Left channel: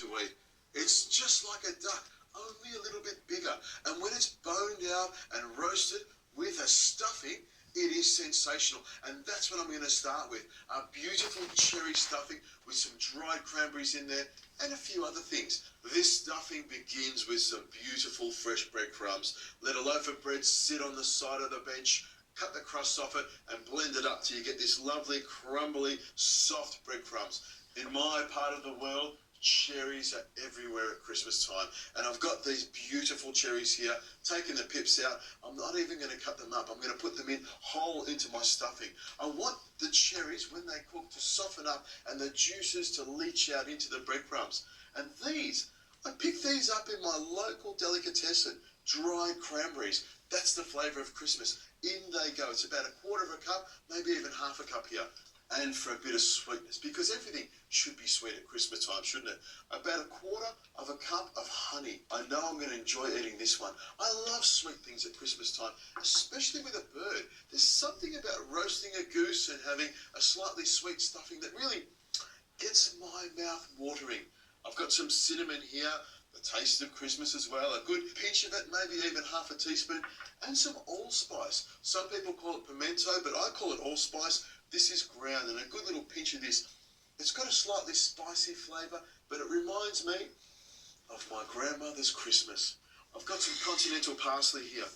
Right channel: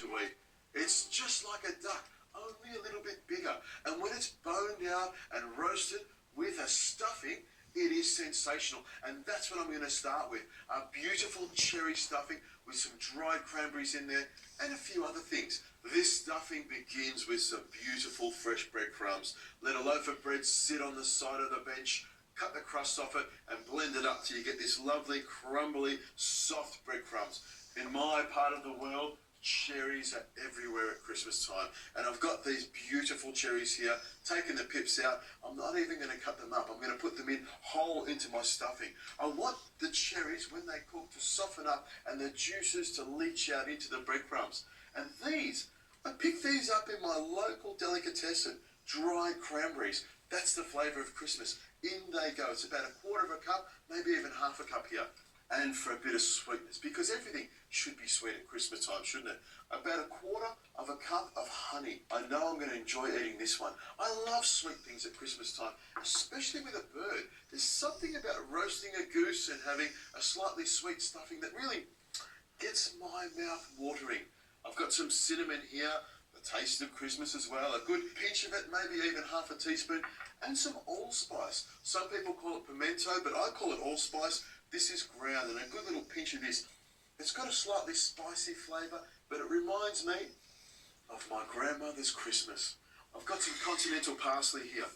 to eat. It's just like a duck, only a little bit bigger. And when it's boned out and roasted with a stuffing, it is sensational. And that's what I'm going to start with. A beautiful cherry stuffing with some dried cranberries in there and a few other things. This stuffing begins with some beautiful fresh breadcrumbs. Let a loaf of bread sit on the side of the bench, cut the crust off it and blend it up till you get this lovely, crumbly, soft breadcrumbs. In my part of the world, cherries are everywhere at Christmas time. And I've got these beautiful cherries here, taking the pips out. I'm not even going to cut them up. I'm going to put them in whole into my stuffing. I want the cherries, when they cook, to soften up and the juices to leach out into the breadcrumbs. And these, I picked these up in my local delicatessen, dried cranberries. That's the flavour of Christmas. In they go. It's about a quarter of a cup, maybe even half a cup here. And for a bit of sweetness, because everything should be sweet at Christmas time, shouldn't it? About a quarter of a cup of honey. I know I'm going to enjoy eating this one. I love sweet things at Christmas time, especially with a bird. There's something about roasting a goose and having a slightly sweet stuffing that really gets my mouth watering. I've got some cinnamon here, the taste of Christmas as well, a good pinch of it, maybe even half a teaspoon, and some allspice. Some people call it pimento, but I call it allspice. This is ground, and a good little pinch of this. It's got a slightly spicy flavour, but it reminds me of my grandmother's Christmas. I've got some continental parsley here,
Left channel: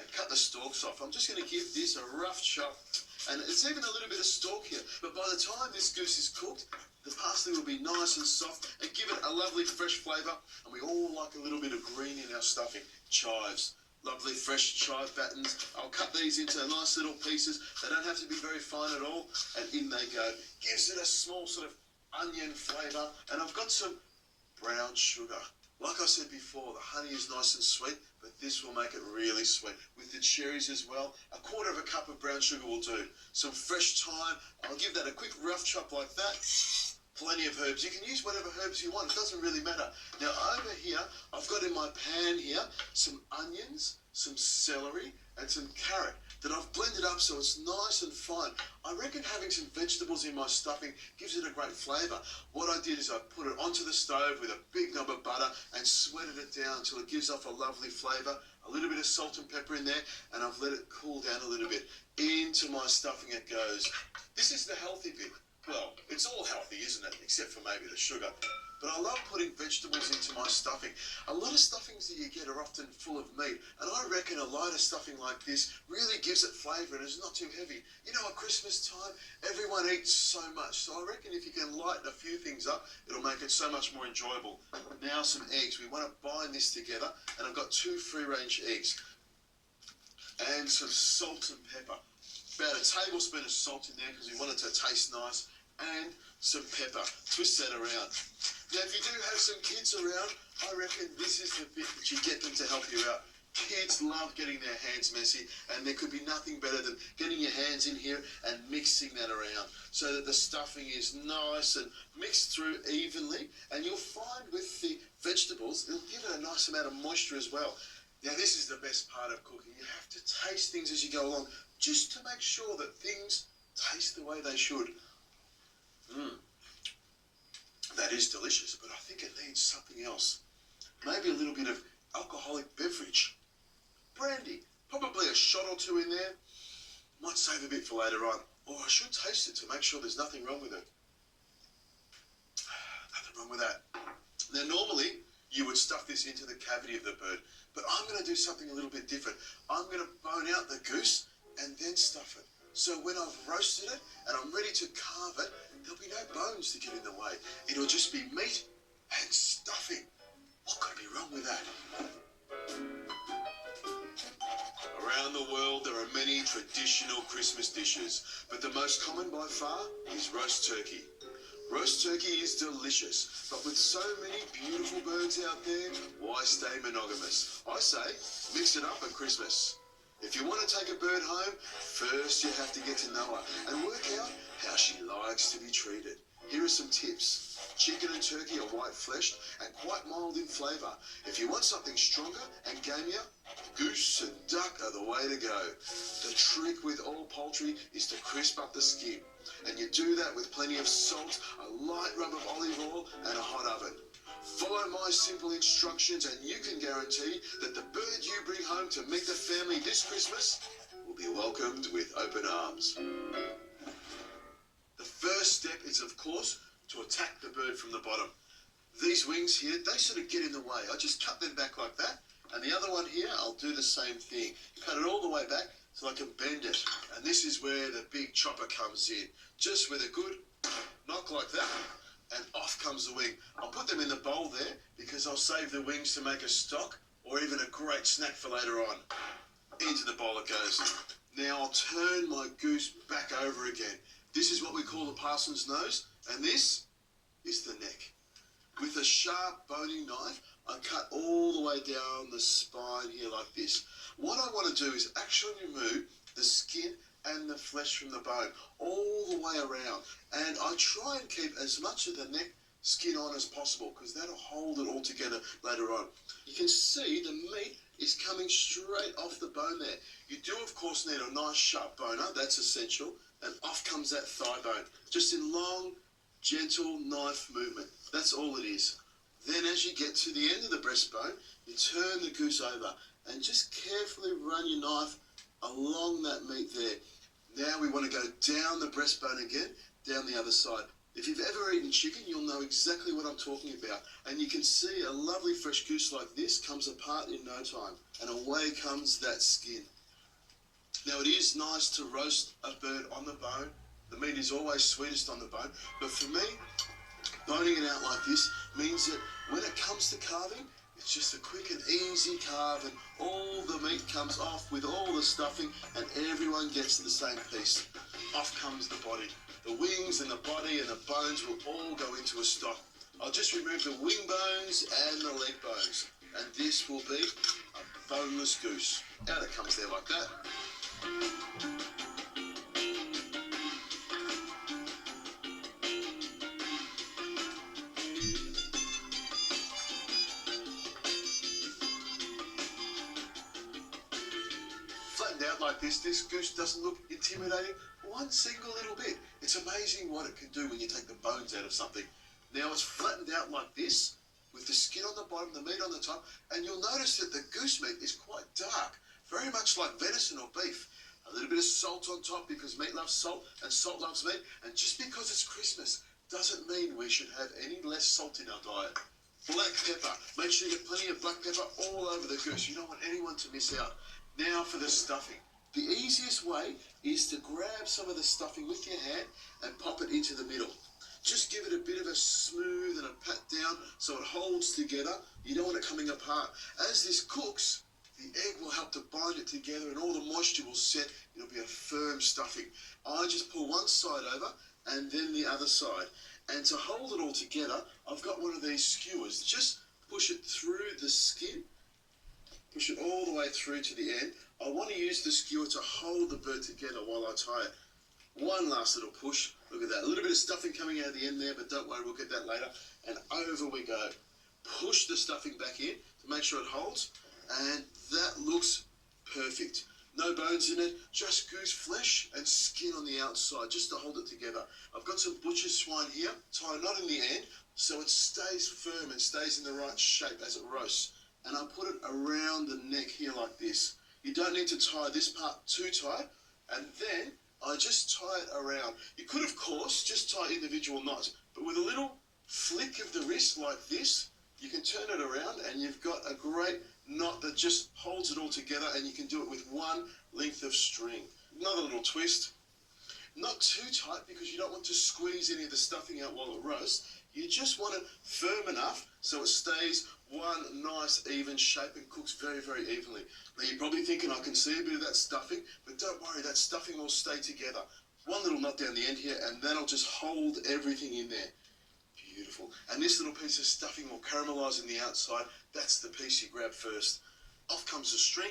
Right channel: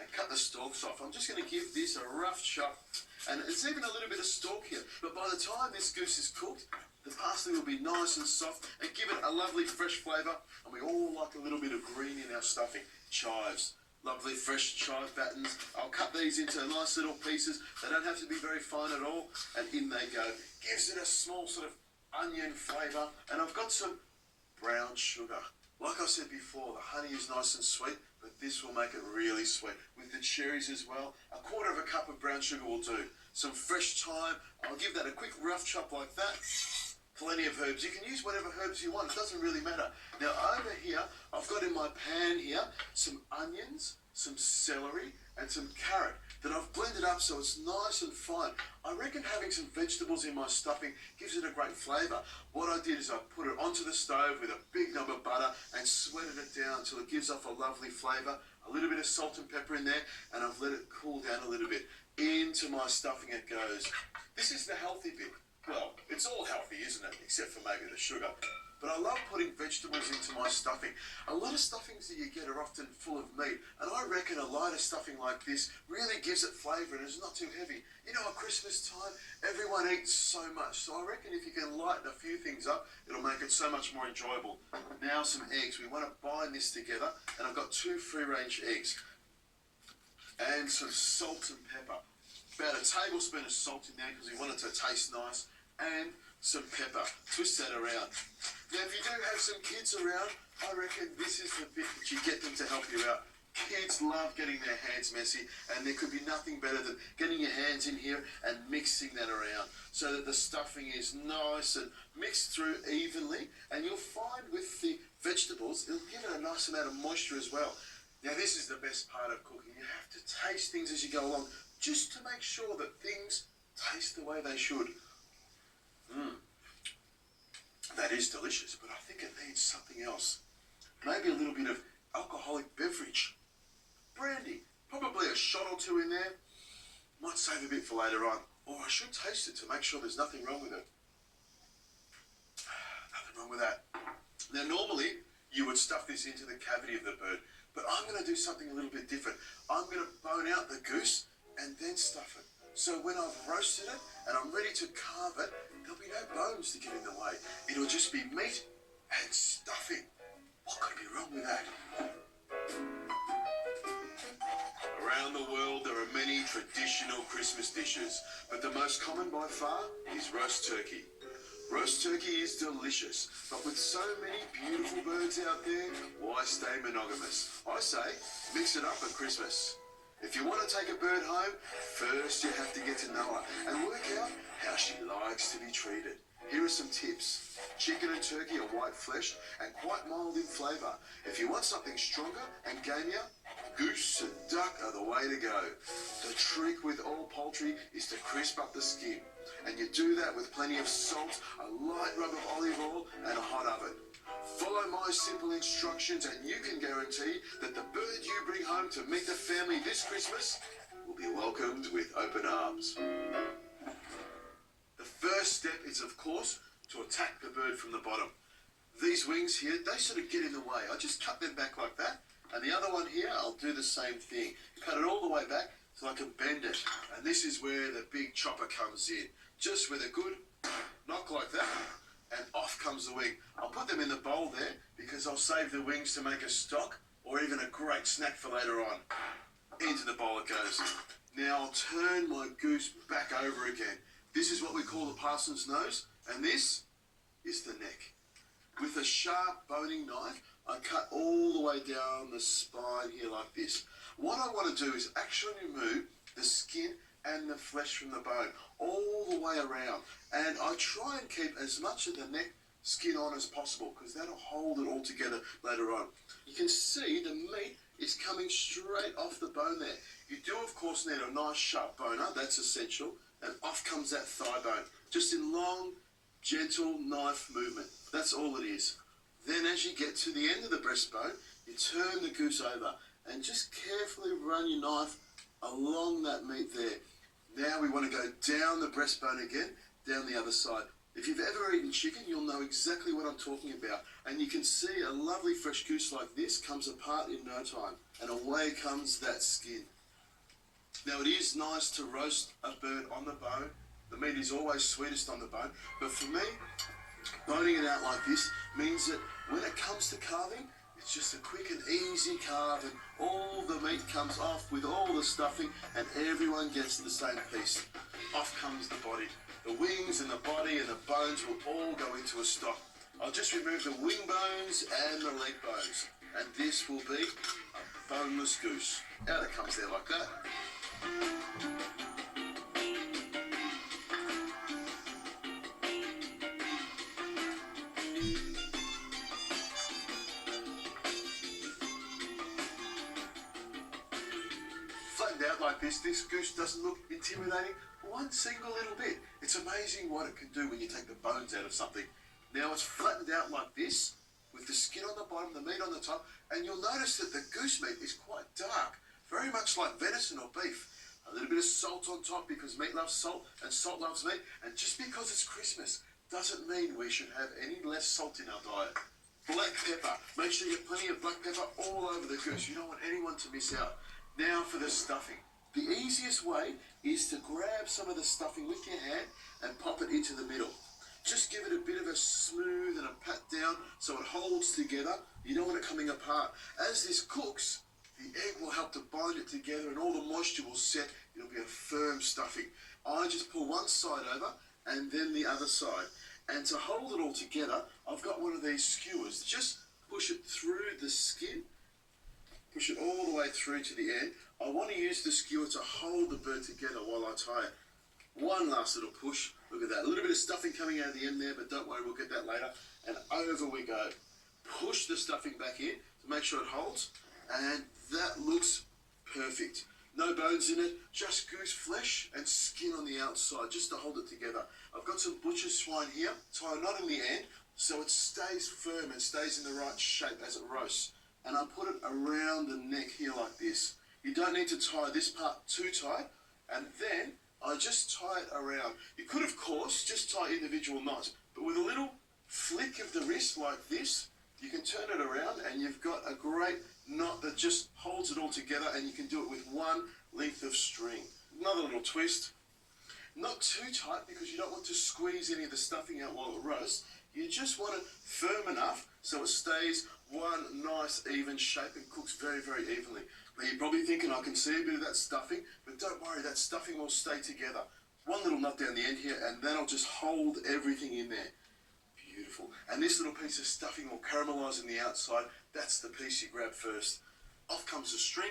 and cut the stalks off. I'm just going to give this a rough chop, and it's even a little bit of stalk here. But by the time this goose is cooked, the parsley will be nice and soft and give it a lovely fresh flavour. And we all like a little bit of green in our stuffing. Chives. Lovely fresh chive battens. I'll cut these into nice little pieces. They don't have to be very fine at all. And in they go. Gives it a small sort of onion flavour. And I've got some brown sugar. Like I said before, the honey is nice and sweet, but this will make it really sweet. With the cherries as well, a quarter of a cup of brown sugar will do. Some fresh thyme. I'll give that a quick rough chop like that. Plenty of herbs. You can use whatever herbs you want. It doesn't really matter. Now over here, I've got in my pan here some onions, some celery, and some carrot that I've blended up so it's nice and fine. I reckon having some vegetables in my stuffing gives it a great flavour. What I did is I put it onto the stove with a big knob of butter and sweated it down until it gives off a lovely flavour. A little bit of salt and pepper in there, and I've let it cool down a little bit. Into my stuffing it goes. This is the healthy bit. Well, it's all healthy, isn't it? Except for maybe the sugar. But I love putting vegetables into my stuffing. A lot of stuffings that you get are often full of meat, and I reckon a lighter stuffing like this really gives it flavour and is not too heavy. You know, at Christmas time, everyone eats so much, so I reckon if you can lighten a few things up, it'll make it so much more enjoyable. Now some eggs. We want to bind this together, and I've got 2 free-range eggs and some salt and pepper. About a tablespoon of salt in there because we want it to taste nice. And some pepper. Twist that around. Now, if you do have some kids around, I reckon this is the bit that you get them to help you out. Kids love getting their hands messy, and there could be nothing better than getting your hands in here and mixing that around so that the stuffing is nice and mixed through evenly. And you'll find with the vegetables, it'll give it a nice amount of moisture as well. Now, this is the best part of cooking. You have to taste things as you go along just to make sure that things taste the way they should. That is delicious, but I think it needs something else. Maybe a little bit of alcoholic beverage. Brandy, probably a shot or 2 in there. Might save a bit for later on. Or I should taste it to make sure there's nothing wrong with it. Nothing wrong with that. Now normally you would stuff this into the cavity of the bird, but I'm going to do something a little bit different. I'm going to bone out the goose and then stuff it. So when I've roasted it and I'm ready to carve it, there'll be no bones to get in the way. It'll just be meat and stuffing. What could be wrong with that? Around the world, there are many traditional Christmas dishes, but the most common by far is roast turkey. Roast turkey is delicious, but with so many beautiful birds out there, why stay monogamous? I say, mix it up at Christmas. If you want to take a bird home, first you have to get to know her and work out how she likes to be treated. Here are some tips. Chicken and turkey are white-fleshed and quite mild in flavour. If you want something stronger and gamier, goose and duck are the way to go. The trick with all poultry is to crisp up the skin, and you do that with plenty of salt, a light rub of olive oil and a hot oven. my simple instructions and you can guarantee that the bird you bring home to meet the family this Christmas will be welcomed with open arms. The first step is, of course, to attack the bird from the bottom. These wings here, they sort of get in the way. I just cut them back like that. And the other one here, I'll do the same thing. Cut it all the way back so I can bend it. And this is where the big chopper comes in. Just with a good knock like that, and off comes the wing. I'll put them in the bowl there because I'll save the wings to make a stock or even a great snack for later on. Into the bowl it goes. Now I'll turn my goose back over again. This is what we call the parson's nose, and this is the neck. With a sharp boning knife, I cut all the way down the spine here like this. What I want to do is actually remove the skin and the flesh from the bone all the way around. And I try and keep as much of the neck skin on as possible because that'll hold it all together later on. You can see the meat is coming straight off the bone there. You do, of course, need a nice sharp boner. That's essential. And off comes that thigh bone, just in long, gentle knife movement. That's all it is. Then as you get to the end of the breastbone, you turn the goose over and just carefully run your knife along that meat there. Now we want to go down the breastbone again, down the other side. If you've ever eaten chicken, you'll know exactly what I'm talking about. And you can see a lovely fresh goose like this comes apart in no time. And away comes that skin. Now it is nice to roast a bird on the bone. The meat is always sweetest on the bone. But for me, boning it out like this means that when it comes to carving, it's just a quick and easy carve and all the meat comes off with all the stuffing and everyone gets the same piece. Off comes the body. The wings and the body and the bones will all go into a stock. I'll just remove the wing bones and the leg bones and this will be a boneless goose. Out it comes there like that. Flattened out like this goose doesn't look intimidating one single little bit. It's amazing what it can do when you take the bones out of something. Now it's flattened out like this, with the skin on the bottom, the meat on the top, and you'll notice that the goose meat is quite dark, very much like venison or beef. A little bit of salt on top because meat loves salt and salt loves meat, and just because it's Christmas doesn't mean we should have any less salt in our diet. Black pepper. Make sure you get plenty of black pepper all over the goose. You don't want anyone to miss out. Now for the stuffing. The easiest way is to grab some of the stuffing with your hand and pop it into the middle. Just give it a bit of a smooth and a pat down so it holds together. You don't want it coming apart. As this cooks, the egg will help to bind it together and all the moisture will set. It'll be a firm stuffing. I just pull one side over and then the other side. And to hold it all together, I've got one of these skewers. Just push it through the skin. Push it all the way through to the end. I want to use the skewer to hold the bird together while I tie it. One last little push. Look at that. A little bit of stuffing coming out of the end there, but don't worry, we'll get that later. And over we go. Push the stuffing back in to make sure it holds. And that looks perfect. No bones in it, just goose flesh and skin on the outside, just to hold it together. I've got some butcher's swine here, tie a knot in the end so it stays firm and stays in the right shape as it roasts. And I put it around the neck here like this. You don't need to tie this part too tight, and then I just tie it around. You could, of course, just tie individual knots, but with a little flick of the wrist like this, you can turn it around and you've got a great knot that just holds it all together, and you can do it with one length of string. Another little twist. Not too tight because you don't want to squeeze any of the stuffing out while it roasts. You just want it firm enough so it stays one nice even shape and cooks very, very evenly. Now you're probably thinking I can see a bit of that stuffing, but don't worry, that stuffing will stay together. One little nut down the end here and that'll just hold everything in there. Beautiful. And this little piece of stuffing will caramelise on the outside. That's the piece you grab first. Off comes the string.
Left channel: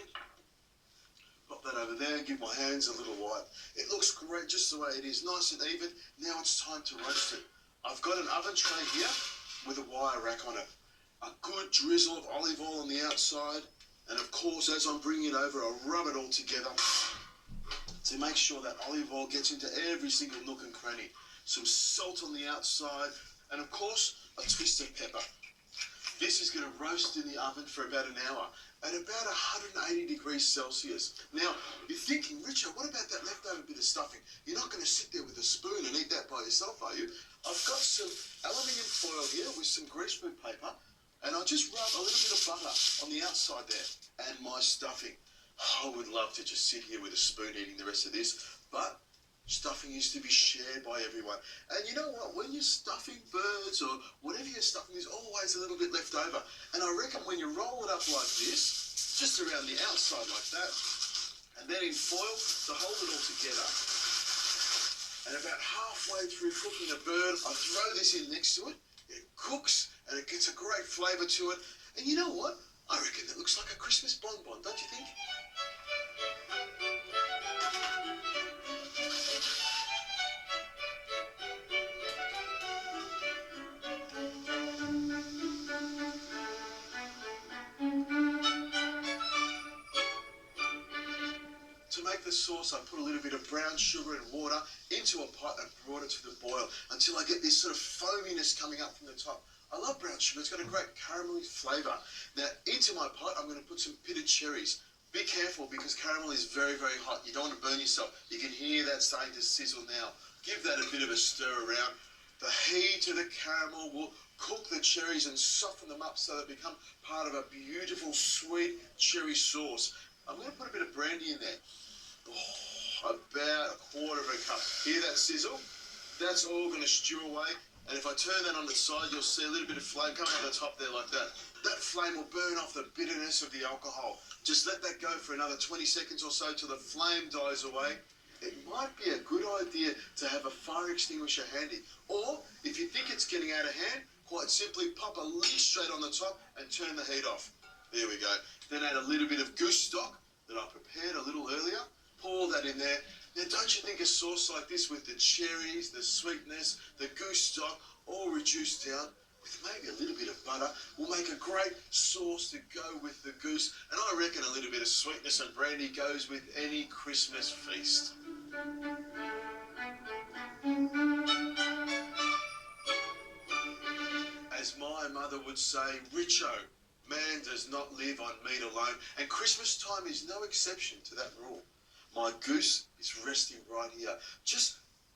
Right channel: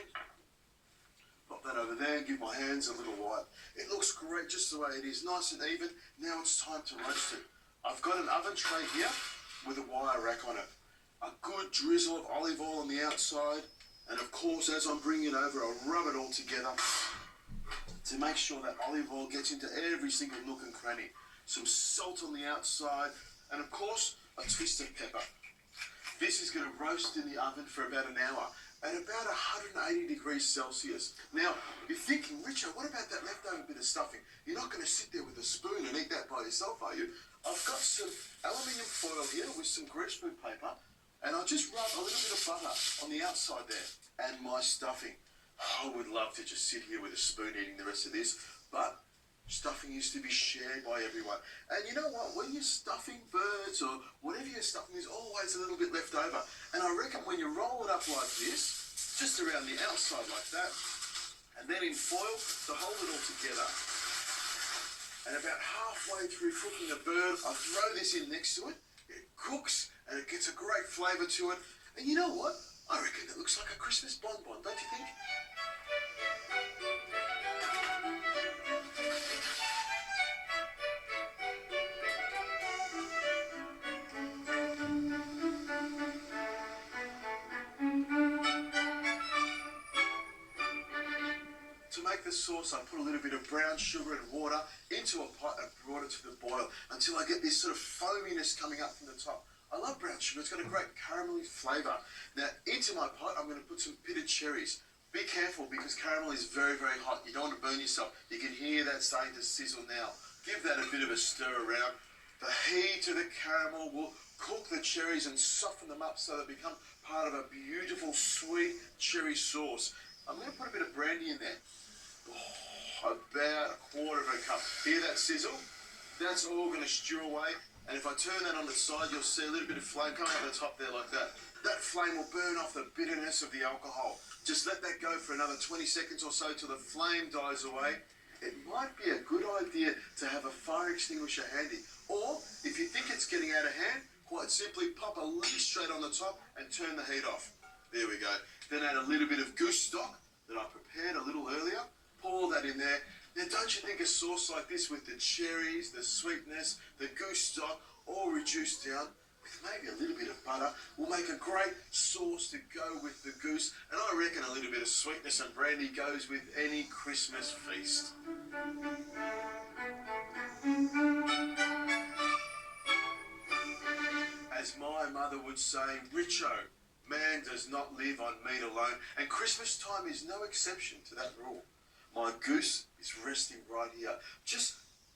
Pop that over there and give my hands a little wipe. It looks great just the way it is, nice and even. Now it's time to roast it. I've got an oven tray here with a wire rack on it. A good drizzle of olive oil on the outside. And of course, as I'm bringing it over, I'll rub it all together to make sure that olive oil gets into every single nook and cranny. Some salt on the outside. And of course, a twist of pepper. This is going to roast in the oven for about an hour at about 180 degrees Celsius. Now, you're thinking, Richard, what about that leftover bit of stuffing? You're not going to sit there with a spoon and eat that by yourself, are you? I've got some aluminium foil here with some greaseproof paper, and I'll just rub a little bit of butter on the outside there and my stuffing. I would love to just sit here with a spoon eating the rest of this, but stuffing used to be shared by everyone. And you know what? When you're stuffing birds or whatever you're stuffing, there's always a little bit left over. And I reckon when you roll it up like this, just around the outside like that, and then in foil to hold it all together, and about halfway through cooking the bird, I throw this in next to it. It cooks and it gets a great flavour to it. And you know what? I reckon it looks like a Christmas bonbon, don't you think? To make the sauce, I put a little bit of brown sugar and water into a pot and brought it to the boil until I get this sort of foaminess coming up from the top. I love brown sugar. It's got a great caramelly flavour. Now, into my pot, I'm going to put some pitted cherries. Be careful because caramel is very, very hot. You don't want to burn yourself. You can hear that starting to sizzle now. Give that a bit of a stir around. The heat of the caramel will cook the cherries and soften them up so they become part of a beautiful, sweet cherry sauce. I'm going to put a bit of brandy in there. Oh, about a quarter of a cup. Hear that sizzle? That's all going to stew away. And if I turn that on the side, you'll see a little bit of flame coming up the top there like that. That flame will burn off the bitterness of the alcohol. Just let that go for another 20 seconds or so till the flame dies away. It might be a good idea to have a fire extinguisher handy. Or, if you think it's getting out of hand, quite simply pop a lid straight on the top and turn the heat off. There we go. Then add a little bit of goose stock that I prepared a little earlier. Pour that in there. Now, don't you think a sauce like this with the cherries, the sweetness, the goose stock, all reduced down with maybe a little bit of butter will make a great sauce to go with the goose. And I reckon a little bit of sweetness and brandy goes with any Christmas feast. As my mother would say, Richo, man does not live on meat alone, and Christmas time is no exception to that rule. My goose is resting right here, just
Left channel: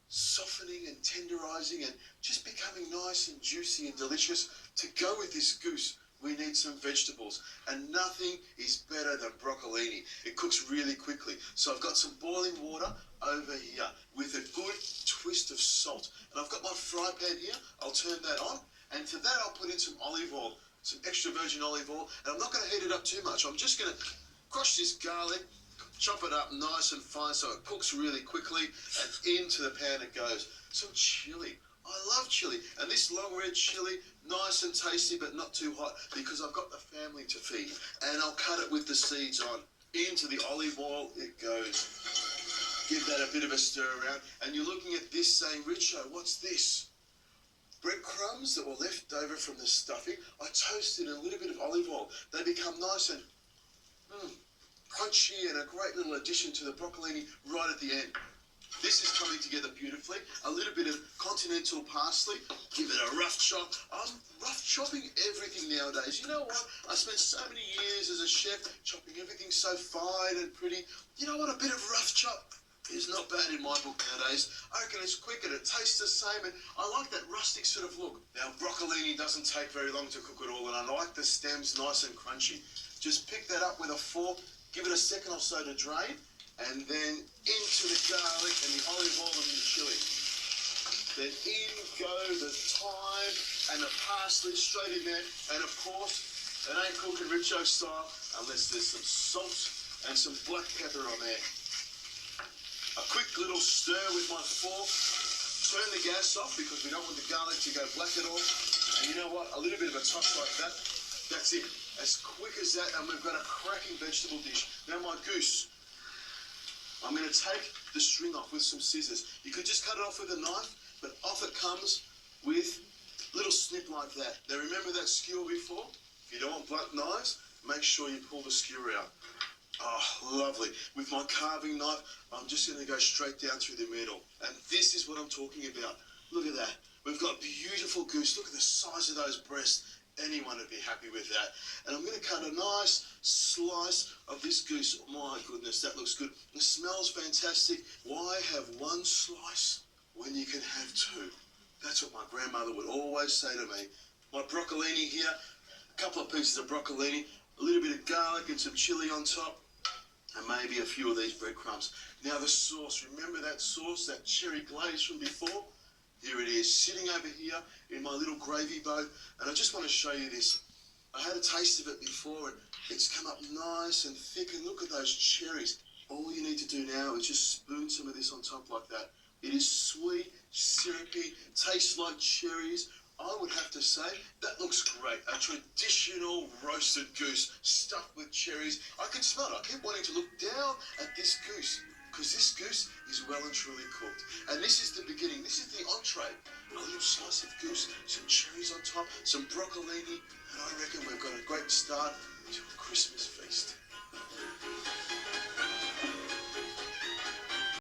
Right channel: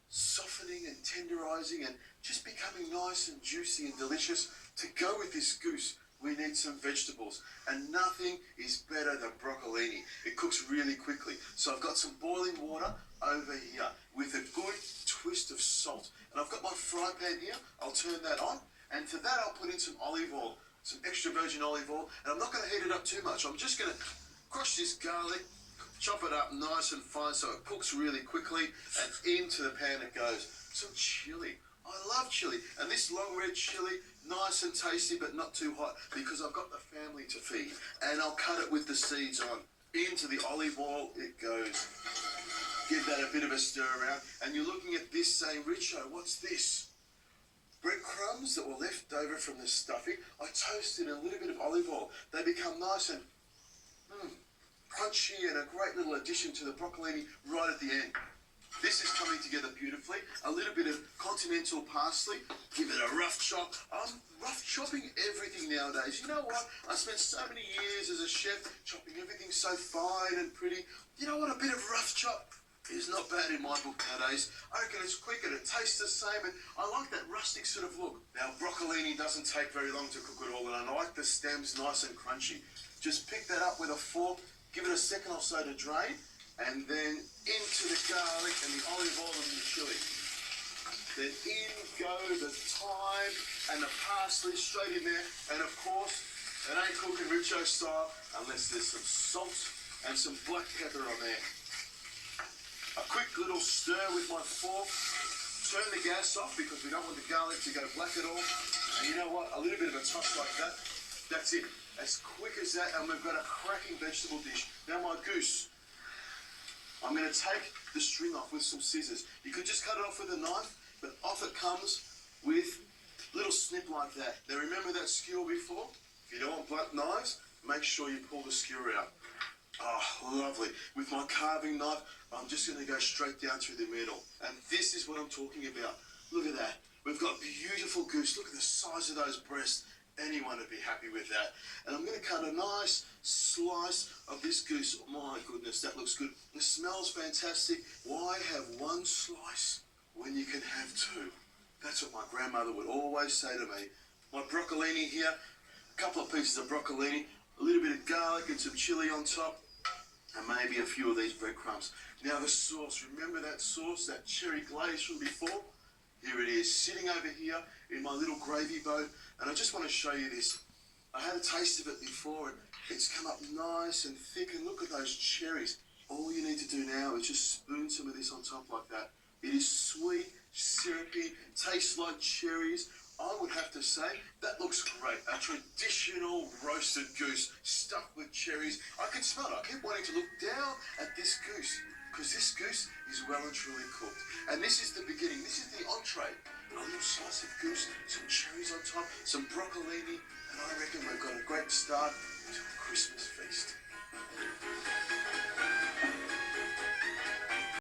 softening and tenderising and just becoming nice and juicy and delicious. To go with this goose, we need some vegetables, and nothing is better than broccolini. It cooks really quickly. So I've got some boiling water over here with a good twist of salt. And I've got my fry pan here. I'll turn that on, and to that I'll put in some olive oil, some extra virgin olive oil, and I'm not going to heat it up too much. I'm just going to crush this garlic, chop it up nice and fine so it cooks really quickly, and into the pan it goes. Some chilli. I love chilli. And this long red chilli, nice and tasty but not too hot because I've got the family to feed. And I'll cut it with the seeds on. Into the olive oil it goes. Give that a bit of a stir around. And you're looking at this saying, Richo, what's this? Breadcrumbs that were left over from the stuffing. I toasted a little bit of olive oil. They become nice and crunchy and a great little addition to the broccolini right at the end. This is coming together beautifully. A little bit of continental parsley. Give it a rough chop. I'm rough chopping everything nowadays. You know what? I spent so many years as a chef chopping everything so fine and pretty. You know what? A bit of rough chop is not bad in my book nowadays. I reckon it's quick and it tastes the same, and I like that rustic sort of look. Now, broccolini doesn't take very long to cook at all, and I like the stems nice and crunchy. Just pick that up with a fork. Give it a second or so to drain, and then into the garlic and the olive oil and the chilli. Then in go the thyme and the parsley straight in there. And of course, it ain't cooking Richo style unless there's some salt and some black pepper on there. A quick little stir with my fork. Turn the gas off because we don't want the garlic to go black at all. And you know what? A little bit of a toss like that. That's it. As quick as that, and we've got a cracking vegetable dish. Now my goose, I'm going to take the string off with some scissors. You could just cut it off with a knife, but off it comes with a little snip like that. Now remember that skewer before? If you don't want blunt knives, make sure you pull the skewer out. Oh, lovely. With my carving knife, I'm just going to go straight down through the middle. And this is what I'm talking about. Look at that. We've got beautiful goose. Look at the size of those breasts. Anyone would be happy with that. And I'm going to cut a nice slice of this goose. My goodness, that looks good. It smells fantastic. Why have one slice when you can have two? That's what my grandmother would always say to me. My broccolini here, a couple of pieces of broccolini, a little bit of garlic and some chili on top, and maybe a few of these breadcrumbs. Now the sauce, remember that sauce, that cherry glaze from before? Here it is, sitting over here in my little gravy boat, and I just want to show you this. I had a taste of it before, and it's come up nice and thick, and look at those cherries. All you need to do now is just spoon some of this on top like that. It is sweet, syrupy, tastes like cherries. I would have to say, that looks great. A traditional roasted goose stuffed with cherries. I can smell it. I keep wanting to look down at this goose, because this goose is well and truly cooked. And this is the beginning. This is the entree. A little slice of goose, some cherries on top, some broccolini, and I reckon we've got a great start to a Christmas feast.